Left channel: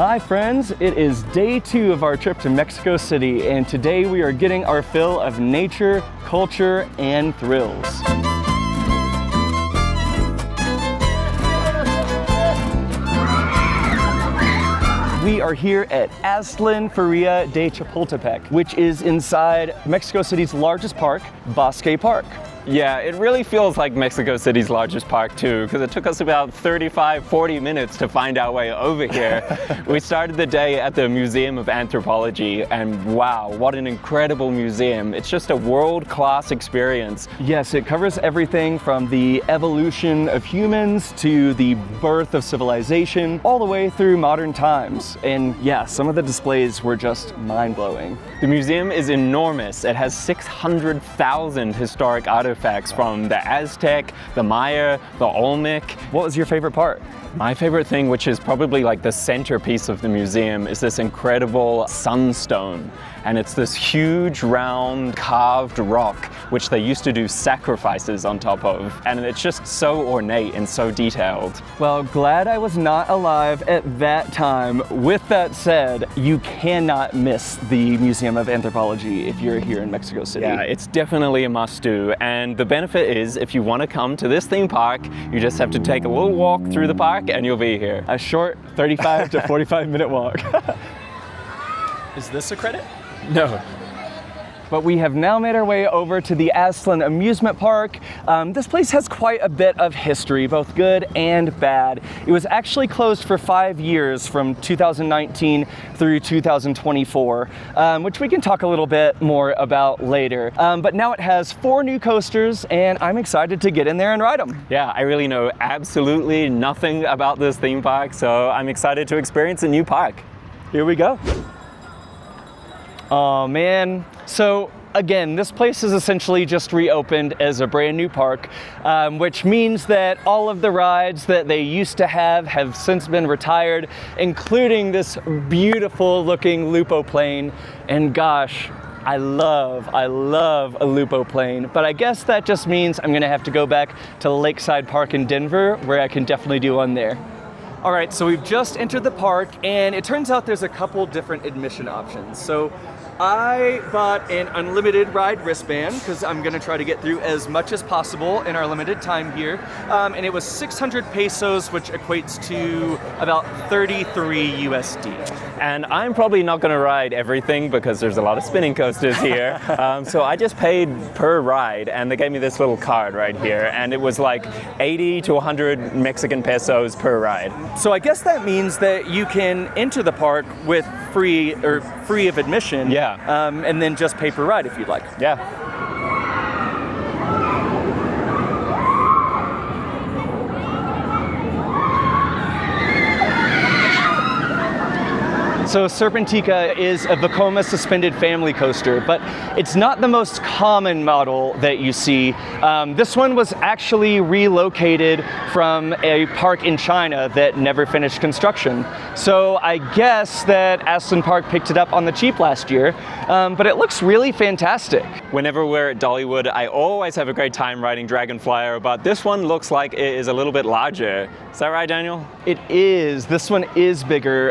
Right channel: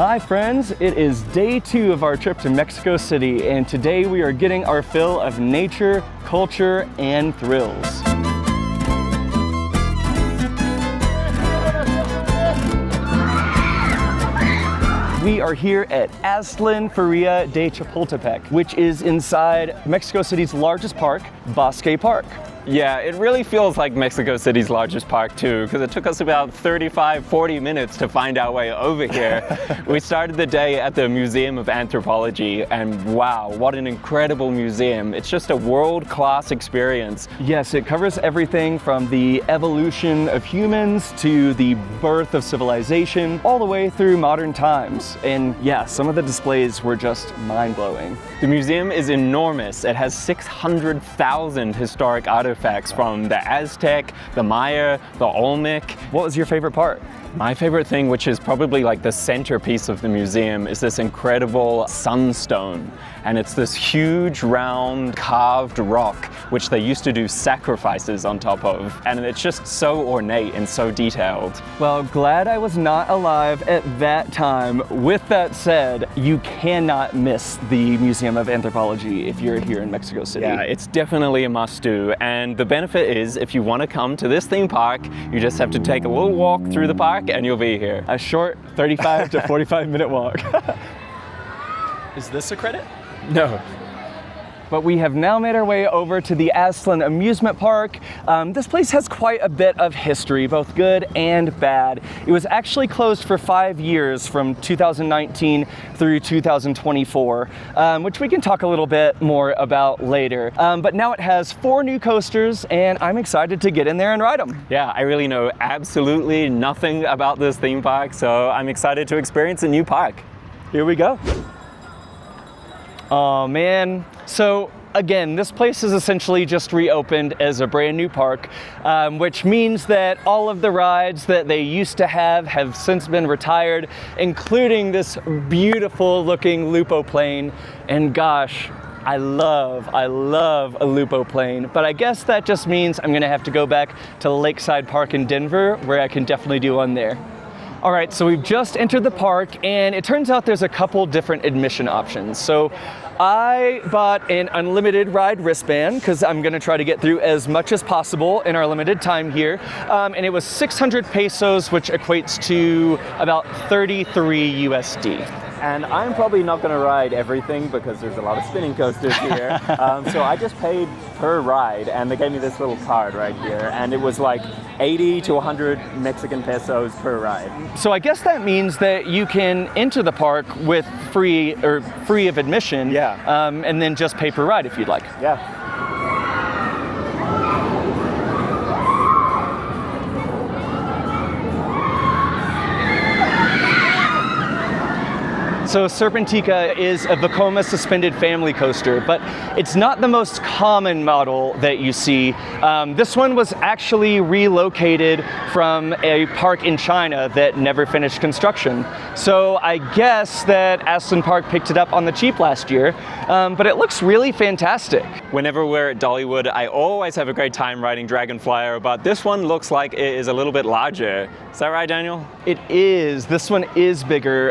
Hi friends, it is day 2 of our trip to Mexico City, and today we are getting our fill of nature, culture, and thrills. We are here at Aztlán Feria de Chapultepec, which is inside Mexico City's largest park, Bosque Park. Yeah, it really feels like Mexico City's largest park too, because it took us about 35-40 minutes to find our way over here. We started the day at the Museum of Anthropology, and wow, what an incredible museum. It's just a world-class experience. Yes, it covers everything from the evolution of humans to the birth of civilization, all the way through modern times. And yeah, some of the displays were just mind-blowing. The museum is enormous. It has 600,000 historic artifacts from the Aztec, the Maya, the Olmec. What was your favorite part? My favorite thing, which is probably like the centerpiece of the museum, is this incredible sunstone. And it's this huge round carved rock which they used to do sacrifices on top of. And it's just so ornate and so detailed. Well, glad I was not alive at that time. With that said, you cannot miss the Museum of Anthropology if you're here in Mexico City. Yeah, it's definitely a must-do. And the benefit is, if you want to come to this theme park, you just have to take a little walk through the park and you'll be here. A short 35 to 45 minute walk. Is this a credit? No. But we have now made our way over to the Aztlán amusement park. This place has quite a bit of history, both good and bad. It was actually closed for 5 years from 2019 through 2024, which we can talk a little bit more about later. But now it has 4 new coasters, and I'm excited to get in there and ride them. Yeah, I really know absolutely nothing about this theme park, so I'm excited to experience a new park. Here we go. Oh man, so again, this place is essentially just reopened as a brand new park, which means that all of the rides that they used to have since been retired, including this beautiful looking Lupo plane. And gosh, I love a Lupo plane, but I guess that just means I'm gonna have to go back to Lakeside Park in Denver, where I can definitely do one there. All right, so we've just entered the park, and it turns out there's a couple different admission options. So I bought an unlimited ride wristband because I'm gonna try to get through as much as possible in our limited time here. And it was 600 pesos, which equates to about 33 USD. And I'm probably not gonna ride everything because there's a lot of spinning coasters here. So I just paid per ride, and they gave me this little card right here, and it was like 80 to 100 Mexican pesos per ride. So I guess that means that you can enter the park with free of admission. Yeah. And then just pay per ride if you'd like. Yeah. So Serpentikah is a Vekoma suspended family coaster, but it's not the most common model that you see. This one was actually relocated from a park in China that never finished construction. So I guess that Aztlán Park picked it up on the cheap last year, but it looks really fantastic. Whenever we're at Dollywood, I always have a great time riding Dragon Flyer, but this one looks like it is a little bit larger. Is that right, Daniel? It is. This one is bigger.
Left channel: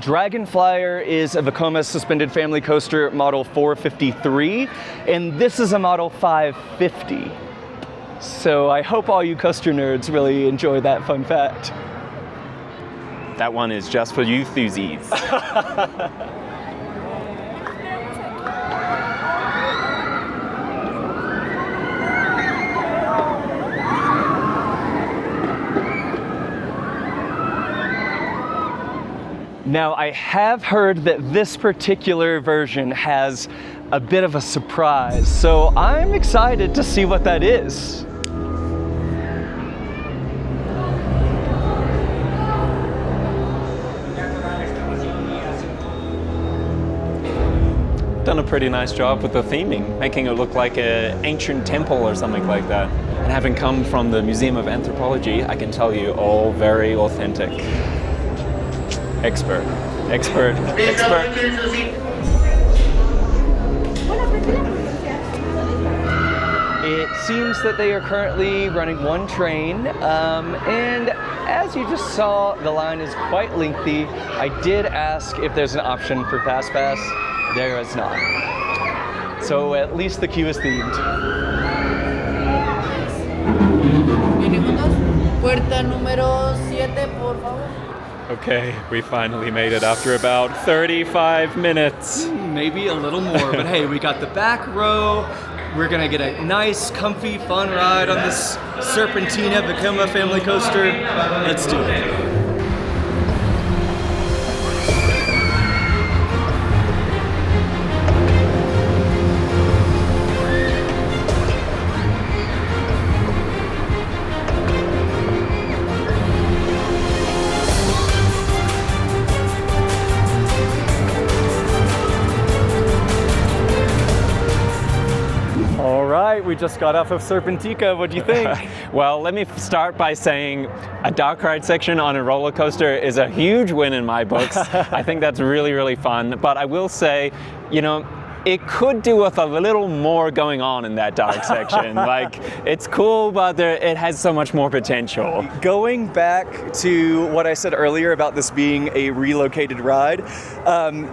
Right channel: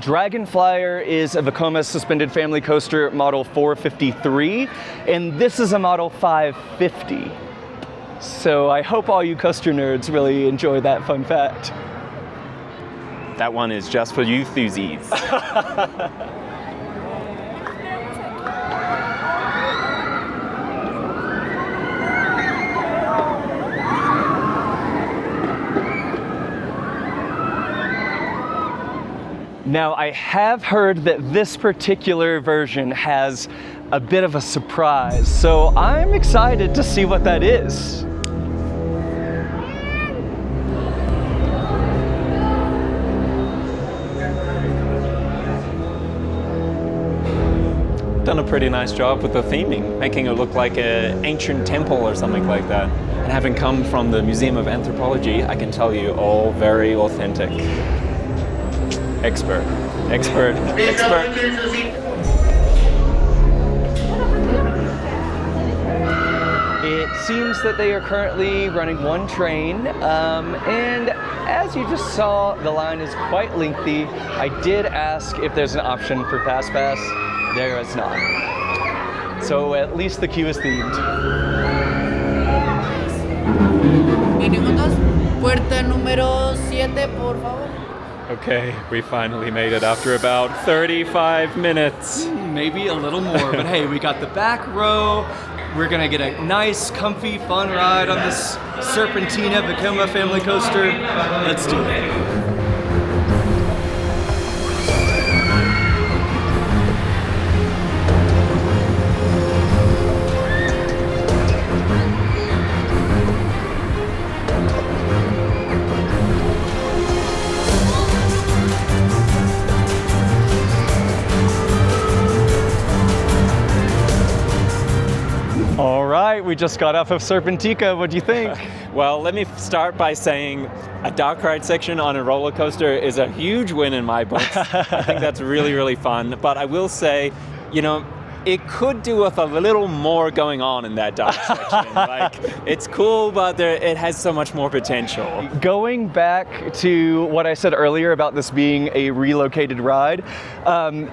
Dragon Flyer is a Vekoma suspended family coaster model 453, and this is a model 550. So I hope all you coaster nerds really enjoy that fun fact. That one is just for you enthusiasts. Now, I have heard that this particular version has a bit of a surprise, so I'm excited to see what that is. Done a pretty nice job with the theming, making it look like an ancient temple or something like that. And having come from the Museum of Anthropology, I can tell you all very authentic. Expert. It seems that they are currently running one train, and as you just saw, the line is quite lengthy. I did ask if there's an option for Fast Pass. There is not. So at least the queue is themed. Puerta número 7, por favor. Okay, we finally made it after about 35 minutes. Maybe a little more, but hey, we got the back row. We're gonna get a nice, comfy, fun ride on this Serpentikah Vekoma family coaster. Let's do it. We just got off of Serpentikah. What do you think? Well, let me start by saying a dark ride section on a roller coaster is a huge win in my books. I think that's really, really fun. But I will say, you know, it could do with a little more going on in that dark section. Like, it's cool, but it has so much more potential. Going back to what I said earlier about this being a relocated ride,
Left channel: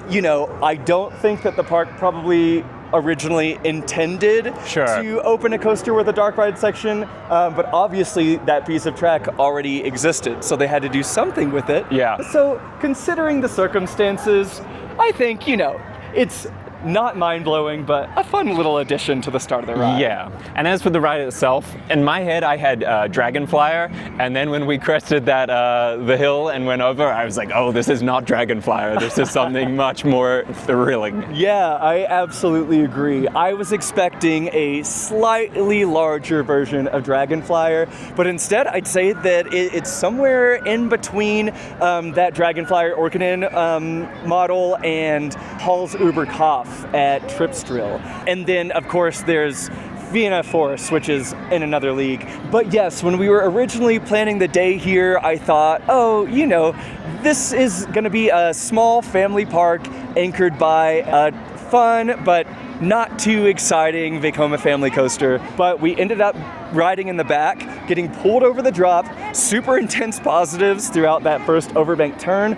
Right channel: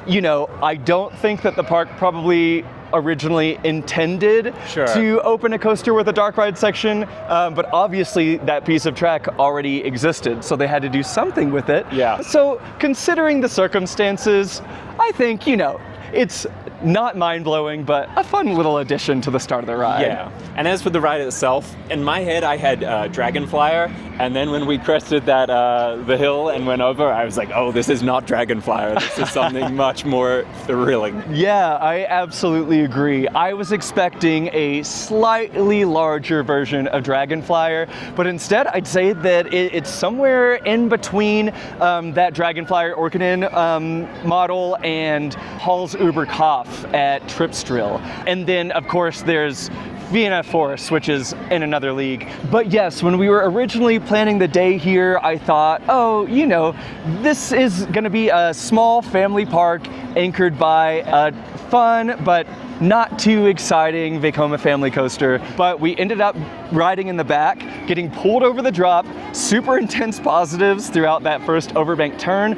you know, I don't think that the park probably originally intended to open a coaster with a dark ride section, but obviously that piece of track already existed, so they had to do something with it. Yeah. So considering the circumstances, I think, you know, it's not mind-blowing, but a fun little addition to the start of the ride. Yeah, and as for the ride itself, in my head I had Dragon Flyer, and then when we crested that the hill and went over, I was like, oh, this is not Dragon Flyer, this is something much more thrilling. Yeah, I absolutely agree. I was expecting a slightly larger version of Dragon Flyer, but instead I'd say that it's somewhere in between that Dragon Flyer Orkinen model and Hall's Uber Kopf at Tripsdrill. And then, of course, there's Vienna Force, which is in another league. But yes, when we were originally planning the day here, I thought, oh, you know, this is going to be a small family park anchored by a fun but not too exciting Vekoma family coaster. But we ended up riding in the back, getting pulled over the drop, super intense positives throughout that first overbank turn.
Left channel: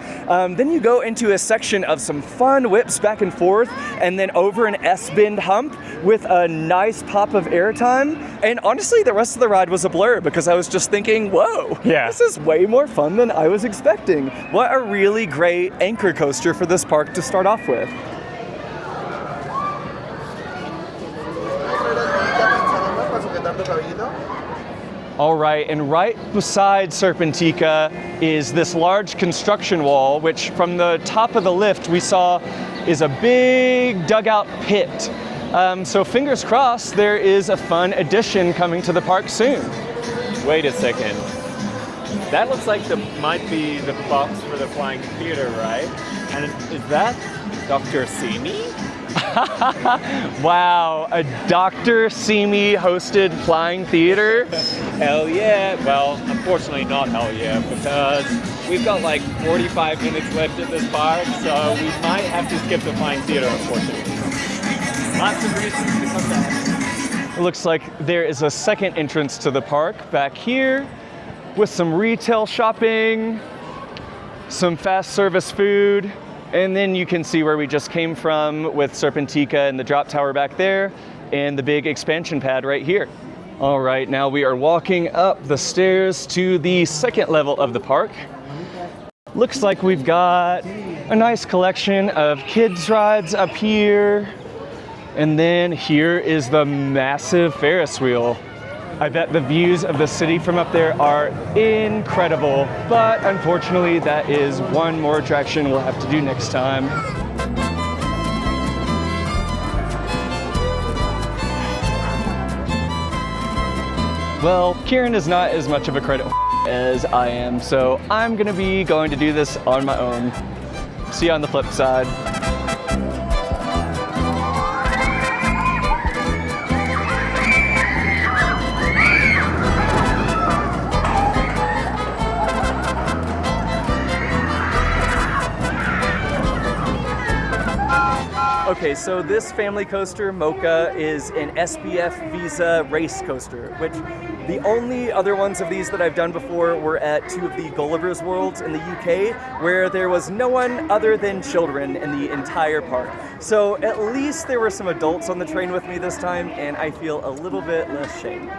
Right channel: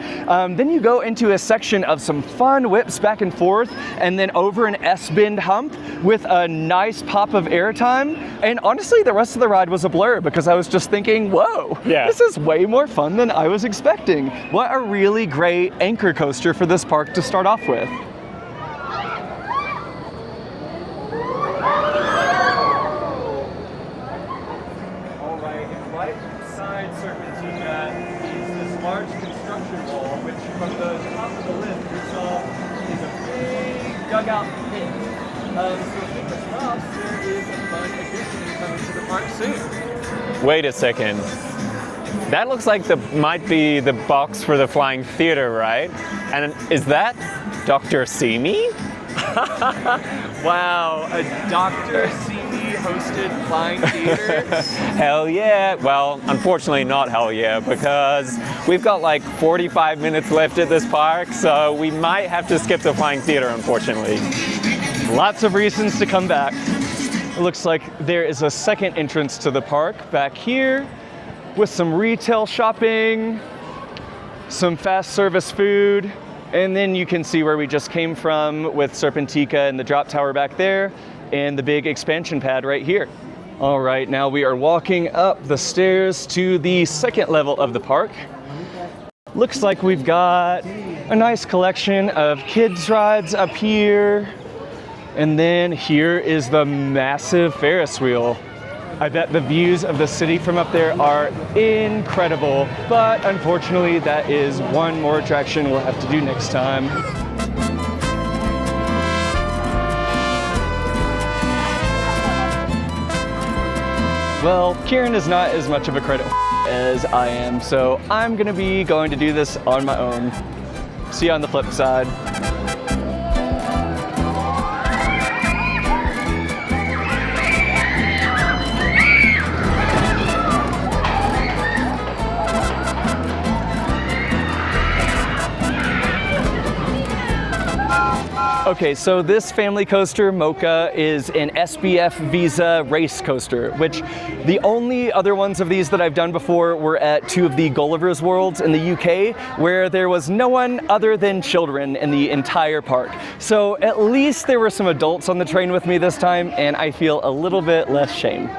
Then you go into a section of some fun whips back and forth, and then over an S-bend hump with a nice pop of airtime. And honestly, the rest of the ride was a blur because I was just thinking, whoa, this is way more fun than I was expecting. What a really great anchor coaster for this park to start off with. All right, and right beside Serpentikah is this large construction wall, which from the top of the lift we saw is a big dugout pit. So fingers crossed there is a fun addition coming to the park soon. Wait a second. That looks like might be the box for the Flying Theater, right? And is that Dr. Simi? Wow, a Dr. Simi hosted Flying Theater? Hell yeah. Well, unfortunately not hell yeah, because we've got like 45 minutes left at this park, so we might have to skip the Flying Theater, unfortunately. Lots of reasons to come back. It looks like there is a second entrance to the park back here with some retail shopping, some fast service food, and then you can see where we just came from with Serpentikah and the drop tower back there and the big expansion pad right here. All right, now we are walking up the stairs to the second level of the park. Looks like we've got a nice collection of kids rides up here. And then here is the massive Ferris wheel. I bet the views of the city from up there are incredible, but unfortunately that is one more attraction we'll have to do next time. Well, Kieran is not as much of a credit as I am, so I'm gonna be going to do this on my own. See you on the flip side. Okay, so this family coaster, Mocha, is an SBF Visa race coaster, which the only other ones of these that I've done before were at two of the Gulliver's Worlds in the UK, where there was no one other than children in the entire park. So at least there were some adults on the train with me this time, and I feel a little bit less shame.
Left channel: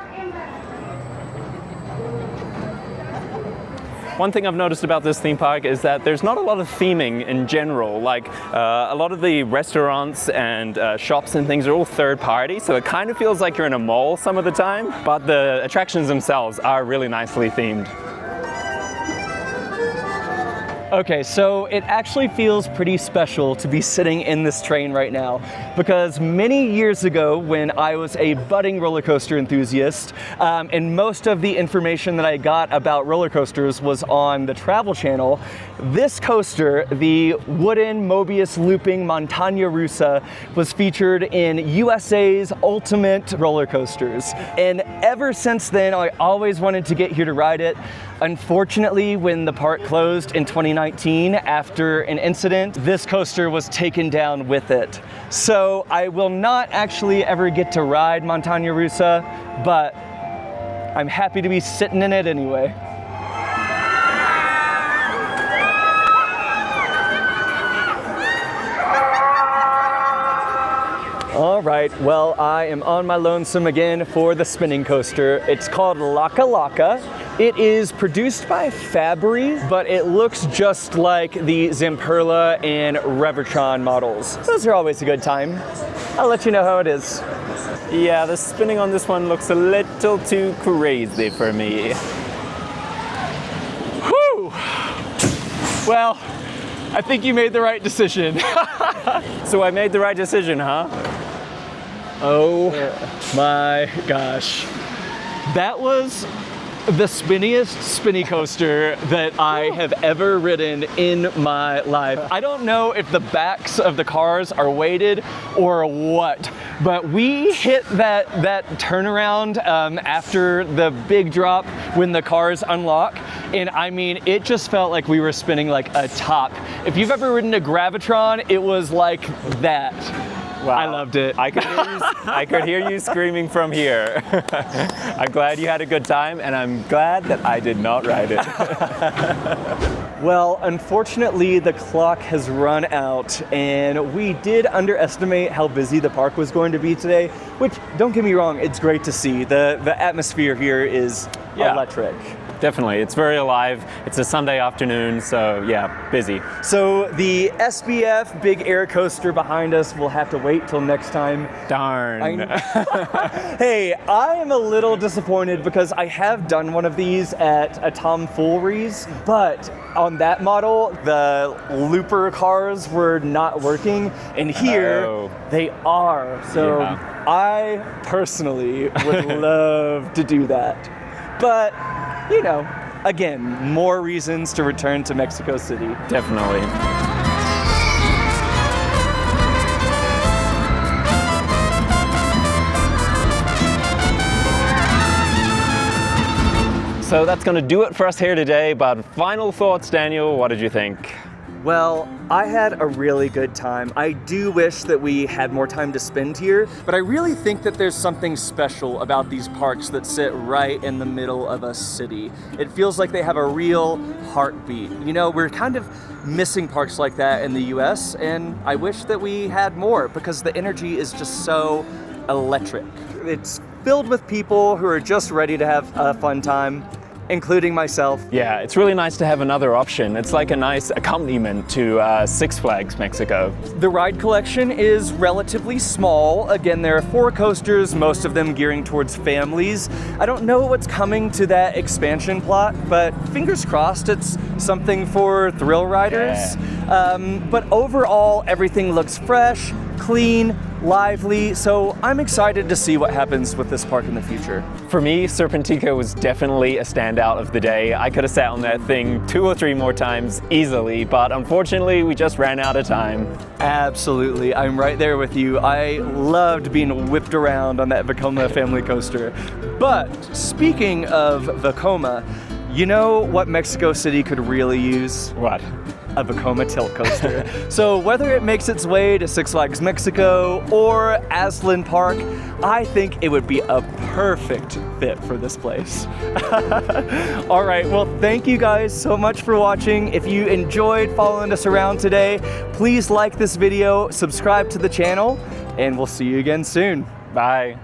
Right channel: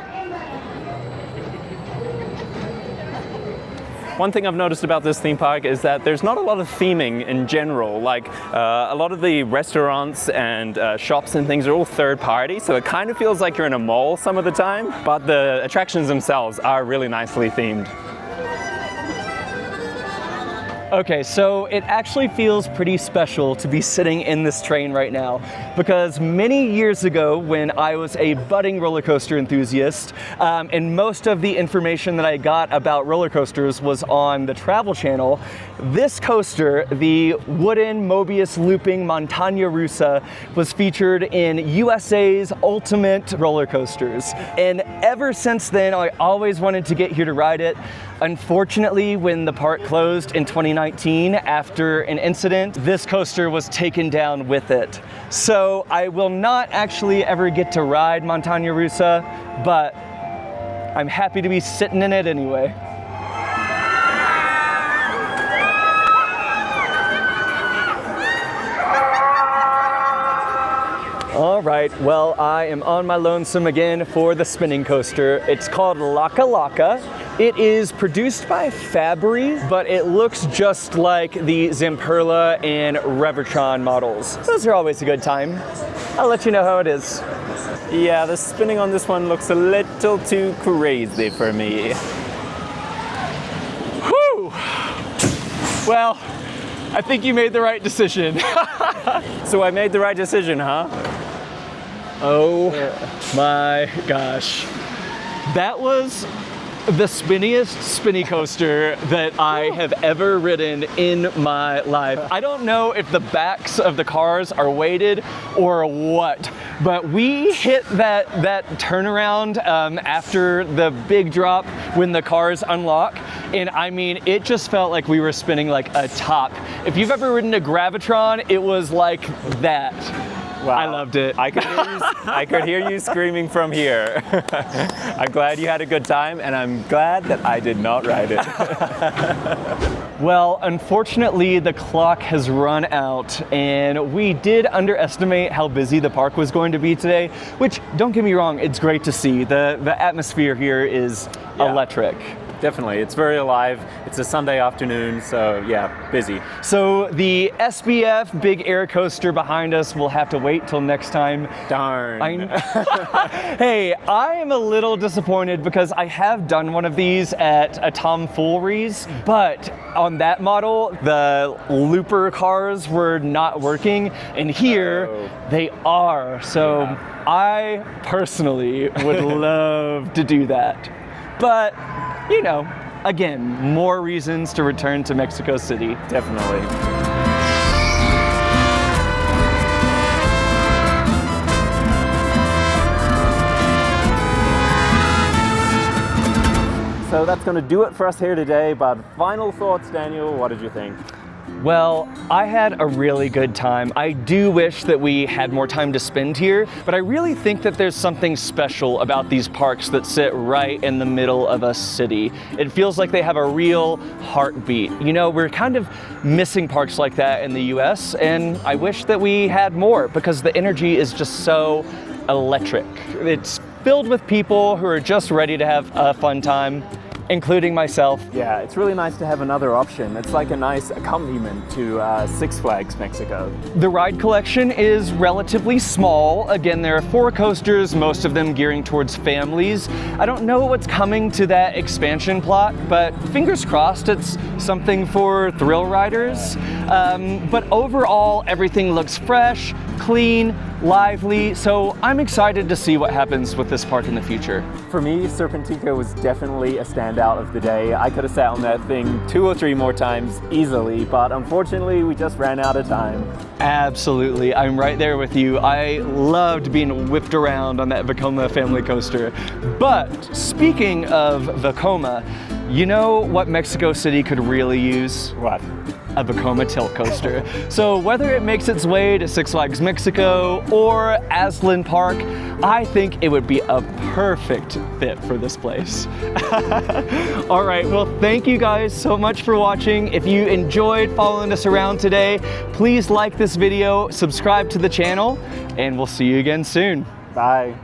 One thing I've noticed about this theme park is that there's not a lot of theming in general. Like a lot of the restaurants and shops and things are all third party, so it kind of feels like you're in a mall some of the time, but the attractions themselves are really nicely themed. Okay, so it actually feels pretty special to be sitting in this train right now, because many years ago when I was a budding roller coaster enthusiast, and most of the information that I got about roller coasters was on the Travel Channel, this coaster, the wooden Mobius looping Montaña Rusa, was featured in USA's Ultimate Roller Coasters. And ever since then, I always wanted to get here to ride it. Unfortunately, when the park closed in 2019 after an incident, this coaster was taken down with it. So I will not actually ever get to ride Montaña Rusa, but I'm happy to be sitting in it anyway. All right, well, I am on my lonesome again for the spinning coaster. It's called Laka. It is produced by Fabry, but it looks just like the Zamperla and Revertron models. Those are always a good time. I'll let you know how it is. Yeah, the spinning on this one looks a little too crazy for me. Whew! Well, I think you made the right decision. So I made the right decision, huh? Oh my gosh. That was the spinniest spinny coaster that I have ever ridden in my life. I don't know if the backs of the cars are weighted or what, but we hit that turnaround after the big drop when the cars unlock, and I mean, it just felt like we were spinning like a top. If you've ever ridden a Gravitron, it was like that. Wow. I loved it. I could hear you screaming from here. I'm glad you had a good time, and I'm glad that I did not ride it. Well, unfortunately, the clock has run out, and we did underestimate how busy the park was going to be today, which, don't get me wrong, it's great to see. The atmosphere here is electric. Definitely, it's very alive. It's a Sunday afternoon, so yeah, busy. So the SBF big air coaster behind us will have to wait till next time. Darn. Hey, I am a little disappointed because I have done one of these at a Tomfooleries, but on that model, the looper cars were not working, and here they are. So I personally would love to do that. But, you know, again, more reasons to return to Mexico City. Definitely. So that's going to do it for us here today, but final thoughts, Daniel, what did you think? Well, I had a really good time. I do wish that we had more time to spend here, but I really think that there's something special about these parks that sit right in the middle of a city. It feels like they have a real heartbeat. You know, we're kind of missing parks like that in the US, and I wish that we had more because the energy is just so electric. It's filled with people who are just ready to have a fun time, including myself. Yeah, it's really nice to have another option. It's like a nice accompaniment to Six Flags Mexico. The ride collection is relatively small. Again, there are 4 coasters, most of them gearing towards families. I don't know what's coming to that expansion plot, but fingers crossed it's something for thrill riders. But overall, everything looks fresh, clean, lively, so I'm excited to see what happens with this park in the future. For me, Serpentikah was definitely a standout of the day. I could have sat on that thing 2 or 3 more times easily, but unfortunately we just ran out of time. Absolutely, I'm right there with you. I loved being whipped around on that Vekoma family coaster. But speaking of Vekoma, You know what Mexico City could really use? What? A Vekoma tilt coaster. So whether it makes its way to Six Flags Mexico or Aztlán Park, I think it would be a perfect fit for this place. All right, well, thank you guys so much for watching. If you enjoyed following us around today, please like this video, subscribe to the channel, and we'll see you again soon. Bye.